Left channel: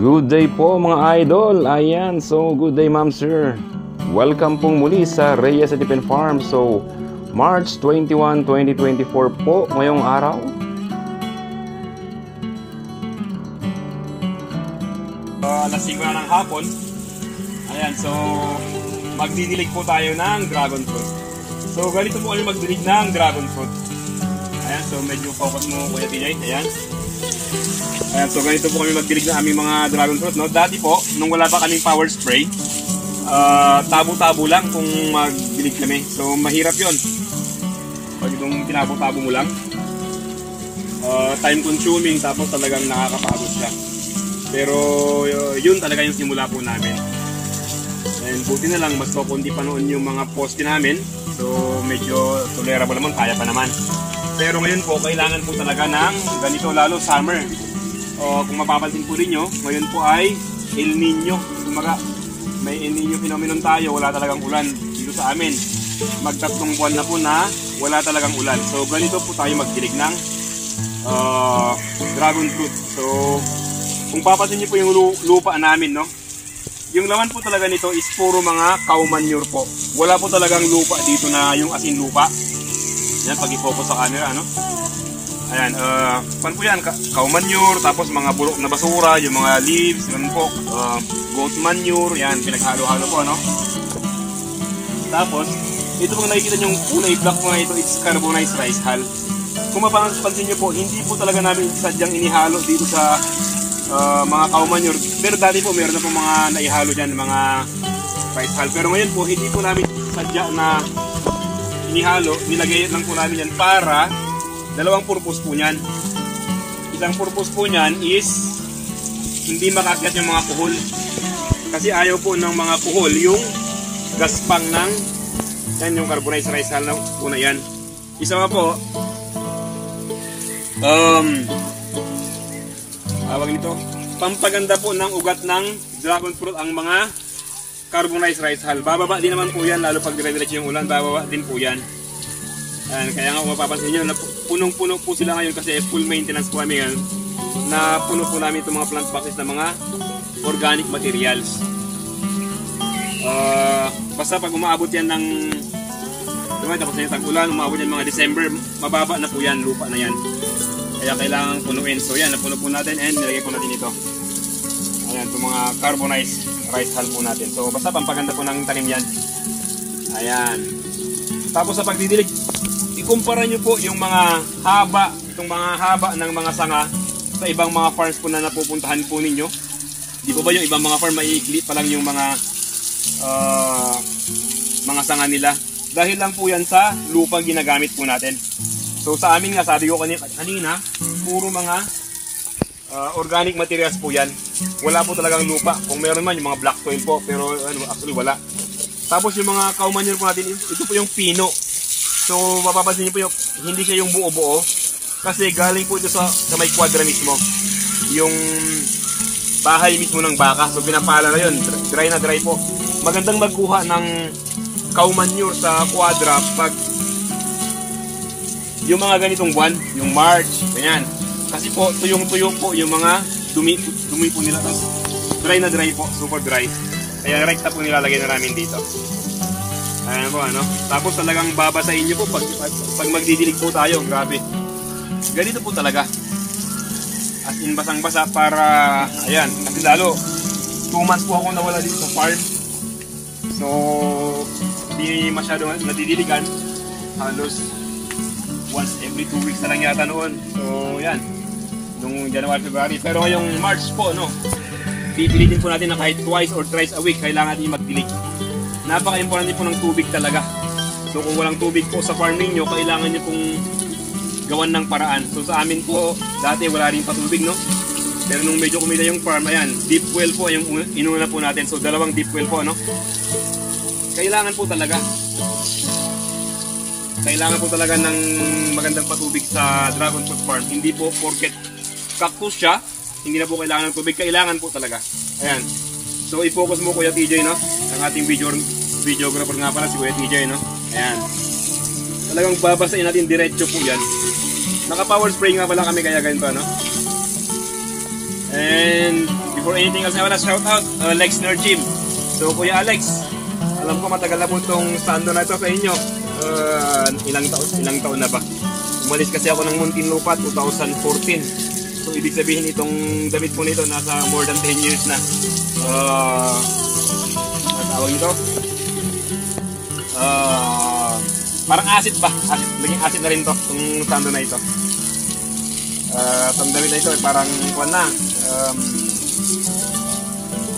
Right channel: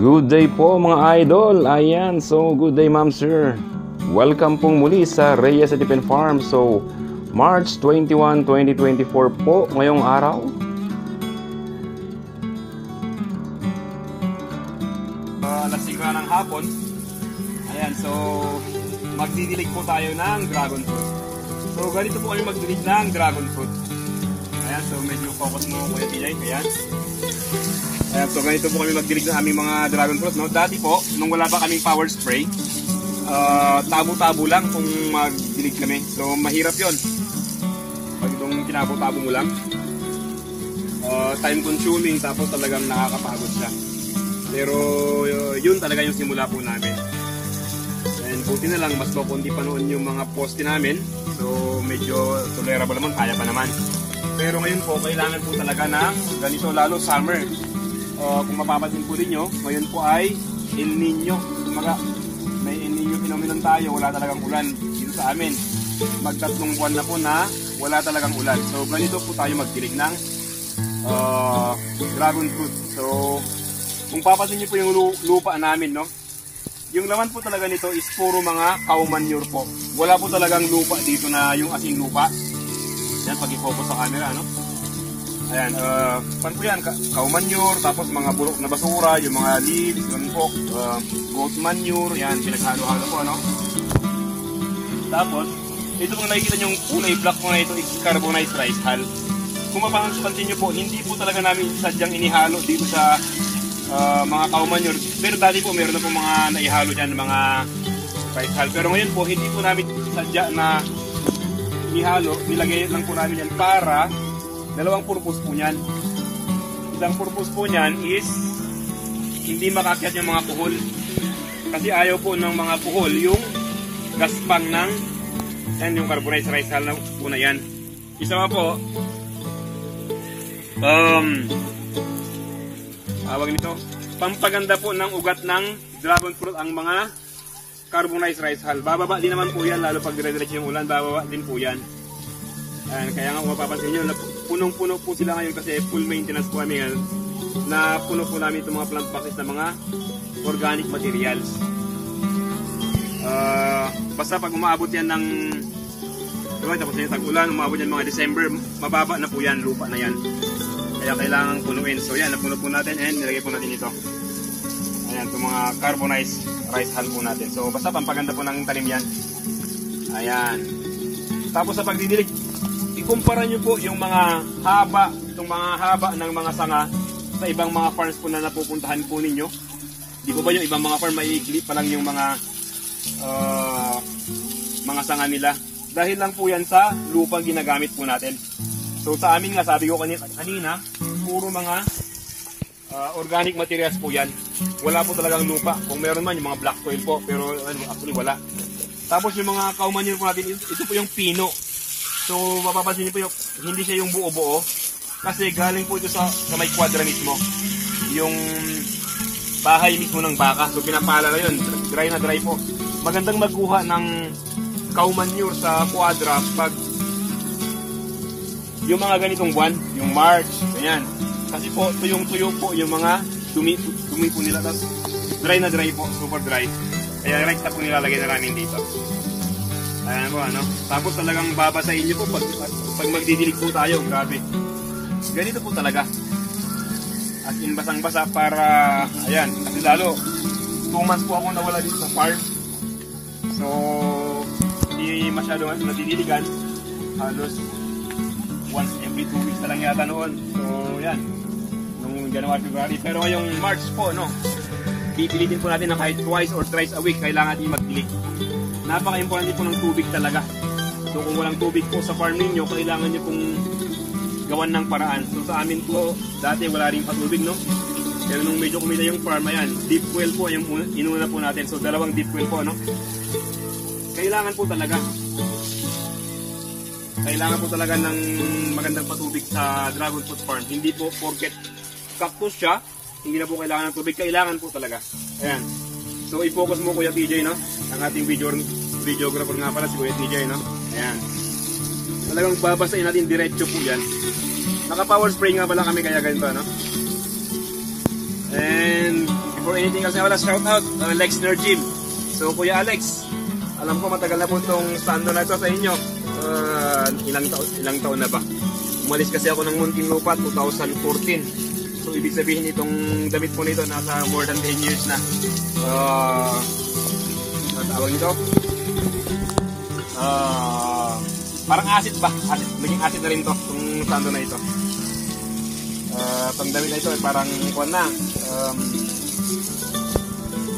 Good day po mga idol. Ayan, so good day ma'am sir. Welcome pong muli sa Reyes Adipin Farm. So March 21, 2024 po ngayong araw. Nasigla ng hapon. Ayan, so magdidilig po tayo ng dragon fruit. So ganito po kami magdilig ng dragon fruit. Ayan, so medyo focus mo po yung pinay. Ayan. Ayan, so ganito po kami magdilig ng aming mga dragon fruit. No? Dati po, nung wala pa kaming power spray, tabo-tabo lang kung magdilig kami. So mahirap yun. Pag itong tinabo-tabo mo lang, time consuming, tapos talagang nakakapagod siya. Pero yun talaga yung simula po namin. And buti na lang, mas mapundi pa noon yung mga poste namin. So medyo tolerable naman, kaya pa naman. Pero ngayon po, kailangan po talaga ng ganito, lalo summer. Kung mapapansin po rin nyo, ngayon po ay El Nino. Kumbaga, may El Nino phenomenon tayo, wala talagang ulan dito sa amin. Magtatlong buwan na po na wala talagang ulan. So ganito po tayo magdilig ng dragon fruit. So kung papansin niyo po yung lupa namin, no? Yung laman po talaga nito is puro mga cow manure po. Wala po talagang lupa dito na yung asin lupa. Yan, pag-i-focus sa camera, no? Ayan, pan po yan, cow manure, tapos mga bulok na basura, yung mga leaves, yun po, goat manure, yan, pinaghalo-halo po, no? Tapos, ito pong nakikita nyo yung kulay black po na ito, it's carbonized rice hull. Kung mapapansin nyo po, hindi po talaga namin sadyang inihalo dito sa mga cow manure. Pero dati po meron na po mga naihalo dyan, mga rice hull. Pero ngayon po, hindi po namin sadya na inihalo. Nilagay lang po namin yan para dalawang purpose po niyan. Isang purpose po niyan is hindi makakyat yung mga kuhol. Kasi ayaw po ng mga kuhol yung gaspang ng yan, yung carbonized rice hull na po na yan. Isa pa po, tawag ito, pampaganda po ng ugat ng dragon fruit ang mga carbonized rice hull. Bababa din naman po yan, lalo pag dire-diretso yung ulan, bababa din po yan. Ayan, kaya nga kung mapapansin nyo, punong-puno po sila ngayon kasi full maintenance po kami ngayon. Na puno po namin itong mga plant boxes na mga organic materials. Basta pag umaabot yan ng tag-ulan, umabot yan mga December, mababa na po yan, lupa na yan. Kaya kailangan punuin. So yan, napuno po natin and nilagay po natin ito. Ayan, itong mga carbonized rice hull po natin. So basta pampaganda po ng tanim yan. Ayan. Tapos sa pagdidilig, ikumpara nyo po yung mga haba, itong mga haba ng mga sanga sa ibang mga farms po na napupuntahan po ninyo. Di ba yung ibang mga farm maiikli pa lang yung mga sanga nila. Dahil lang po yan sa lupa ginagamit po natin. So sa amin nga, sabi ko kanina, puro mga organic materials po yan. Wala po talagang lupa. Kung meron man, yung mga black soil po, pero actually wala. Tapos yung mga cow manure po natin, ito po yung pino. So mapapansin niyo po yung, hindi siya yung buo-buo. Kasi galing po ito sa may kwadra mismo. Yung bahay mismo ng baka. So pinapala na yun, dry na dry po. Magandang magkuha ng cow manure sa kwadra pag yung mga ganitong buwan, yung March, ganyan. Kasi po, tuyong-tuyong po yung mga dumi po nila. Tapos dry na dry po, super dry. Kaya right na po nilalagay na namin dito. Ayan po, ano. Tapos talagang babasahin nyo po pag magdidilig po tayo, grabe. Ganito po talaga. As in basang-basa para, ayan, kasi lalo, 2 months po ako nawala dito sa farm. So, hindi masyado nadidiligan. Halos once every 2 weeks na lang yata noon. So yan, nung January, February. Pero ngayong March po, no, pipilitin po natin na kahit twice or thrice a week kailangan natin magdilig. Napaka-importante po ng tubig talaga. So kung walang tubig po sa farm ninyo, kailangan nyo pong gawan ng paraan. So sa amin po, dati wala rin patubig, no? Pero nung medyo kumila yung farm, ayan, deep well po yung inuna po natin. So 2 deep well po, no? Kailangan po talaga. Kailangan po talaga ng magandang patubig sa dragon fruit farm. Hindi po porket cactus siya, hindi na po kailangan ng tubig. Kailangan po talaga. Ayan. So i-focus mo Kuya TJ, no? Ang ating videographer nga pala si Kuya TJ, no? Ayan. Talagang babasain natin diretso po yan. Naka power spray nga pala kami kaya ganito, no? And before anything else I wanna shout out? Alex Nergym. So, Kuya Alex, alam ko matagal na po itong stando na ito sa inyo. Ilang taon na ba? Umalis kasi ako ng Muntinlupa 2014. So, ibig sabihin itong damit po nito nasa more than 10 years na. Ito? Parang acid ba? Naging acid na rin to, yung stando na ito. Ang damit na ito ay parang kuwan na.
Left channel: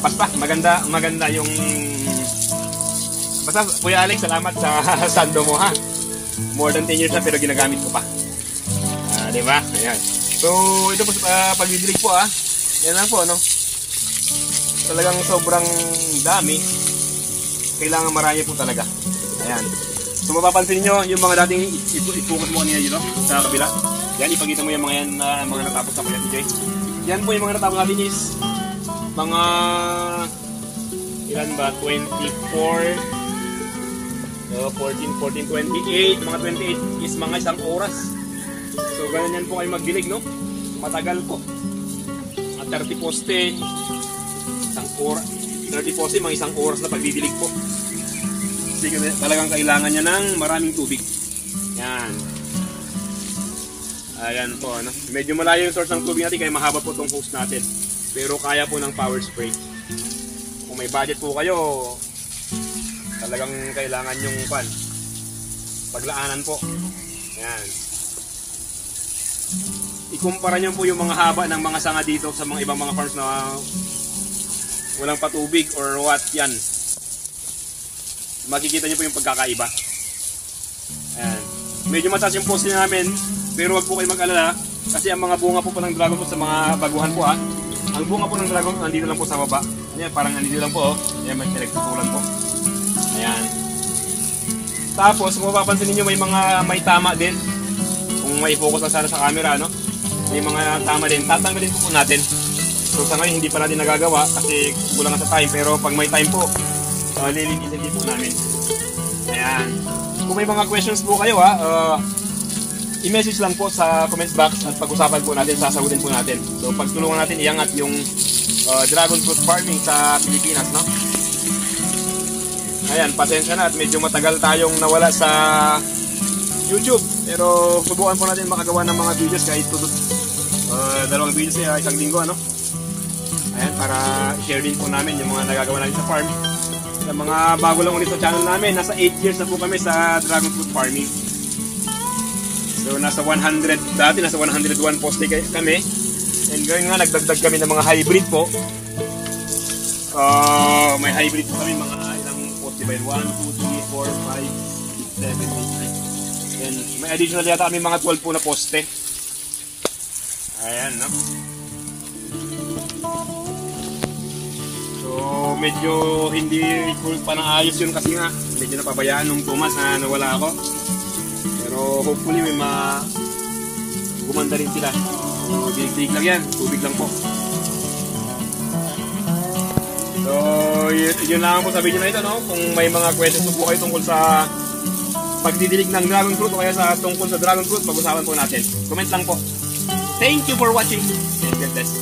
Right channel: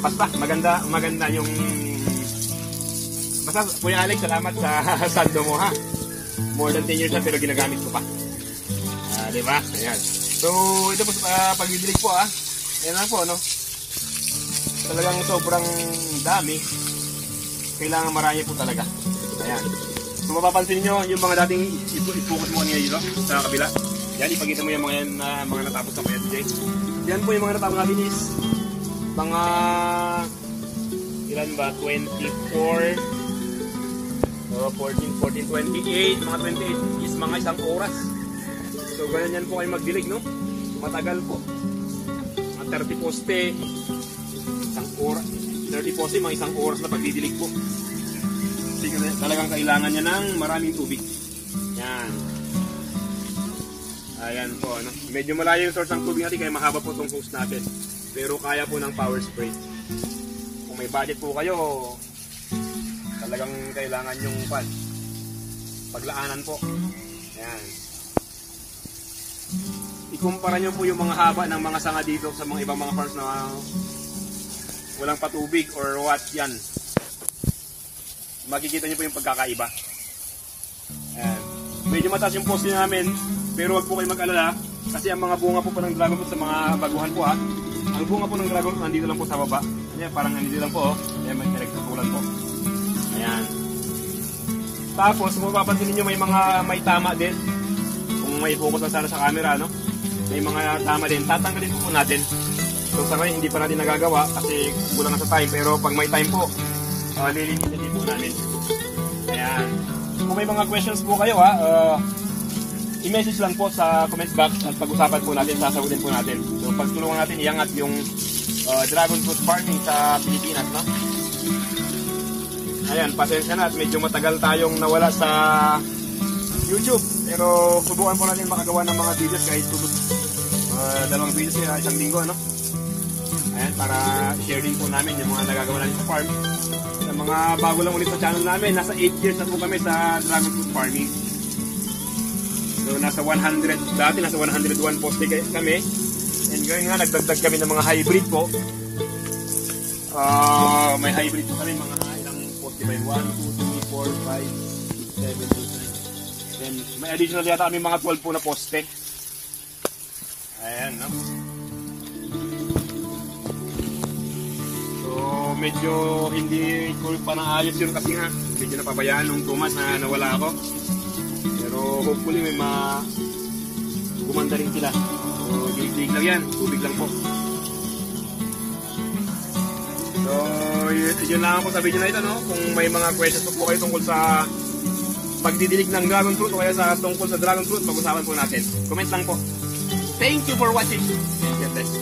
Basta, maganda yung... Basta, Kuya Alex, salamat sa stando mo ha. More than 10 years na pero ginagamit ko pa. Diba? Ayan. So, ito po pagdidilig po ha. Yan lang po, no? Talagang sobrang dami. Kailangan marami po talaga. Ayan. So, mapapansin nyo, yung mga dating ipukot mo kanina dito sa kabila. Yan, ipagita mo yung mga yan mga natapos na po yan, DJ. Yan po yung mga natapos natin is mga ilan ba? 24 14, 28 mga 28 is mga isang oras. So, ganyan yan po kayo magdilig, no? Matagal po. Mga 30 poste isang oras. 30 poste, mga isang oras na pagdidilig po. Kasi talagang kailangan niya ng maraming tubig. Yan. Ayan po, ano? Medyo malayo yung source ng tubig natin kaya mahaba po itong hose natin. Pero kaya po ng power spray. Kung may budget po kayo, talagang kailangan yung paglaanan po. Ayan. Ikumpara nyo po yung mga haba ng mga sanga dito sa mga ibang mga farms na walang patubig or what yan. Makikita nyo po yung pagkakaiba. Ayan. Medyo mataas yung post namin, pero wag po kayo mag-alala kasi ang mga bunga po ng dragon fruit sa mga baguhan po ang bunga po ng dragon fruit nandito lang po sa baba. Ayan, parang nandito lang po. Ayan, may electrical po. Ayan. Tapos, mapapansin niyo may tama din. Kung may focus lang sana sa camera, no? May mga tama din. Tatanggalin po natin. So, sa ngayon, hindi pa natin nagagawa kasi kulang sa time. Pero pag may time po, lilinisin din po namin. Ayan. Kung may mga questions po kayo, i-message lang po sa comments box at pag-usapan po natin, sasagutin po natin. So, pagtulungan natin iangat yung dragon fruit farming sa Pilipinas, no? Ayan, pasensya na at medyo matagal tayong nawala sa YouTube. Pero subukan po natin makagawa ng mga videos kahit dalawang videos sa isang linggo, ano? Ayan, para share din po namin yung mga nagagawa natin sa farming. Sa mga bago lang ulit sa channel namin, nasa 8 years na po kami sa dragon fruit farming. So, nasa 100, dati nasa 101 poste kami. And ngayon nga, nagdagdag kami ng mga hybrid po. May hybrid po kami mga 1, 2, 3, 4, 5, 6, 7, 8, 9. And may additional yata kami mga 12 po na poste. Ayan, no? So, medyo hindi full pa ng ayos yun kasi nga medyo napabayaan nung Thomas na nawala ako. Pero hopefully may gumanda rin sila. Dig lang yan, tubig lang po. Yun lang po sa video na ito, no? Kung may mga questions po kayo tungkol sa pagdidilig ng dragon fruit o kaya sa tungkol sa dragon fruit, pag-usapan po natin. Comment lang po. Thank you for watching. God bless.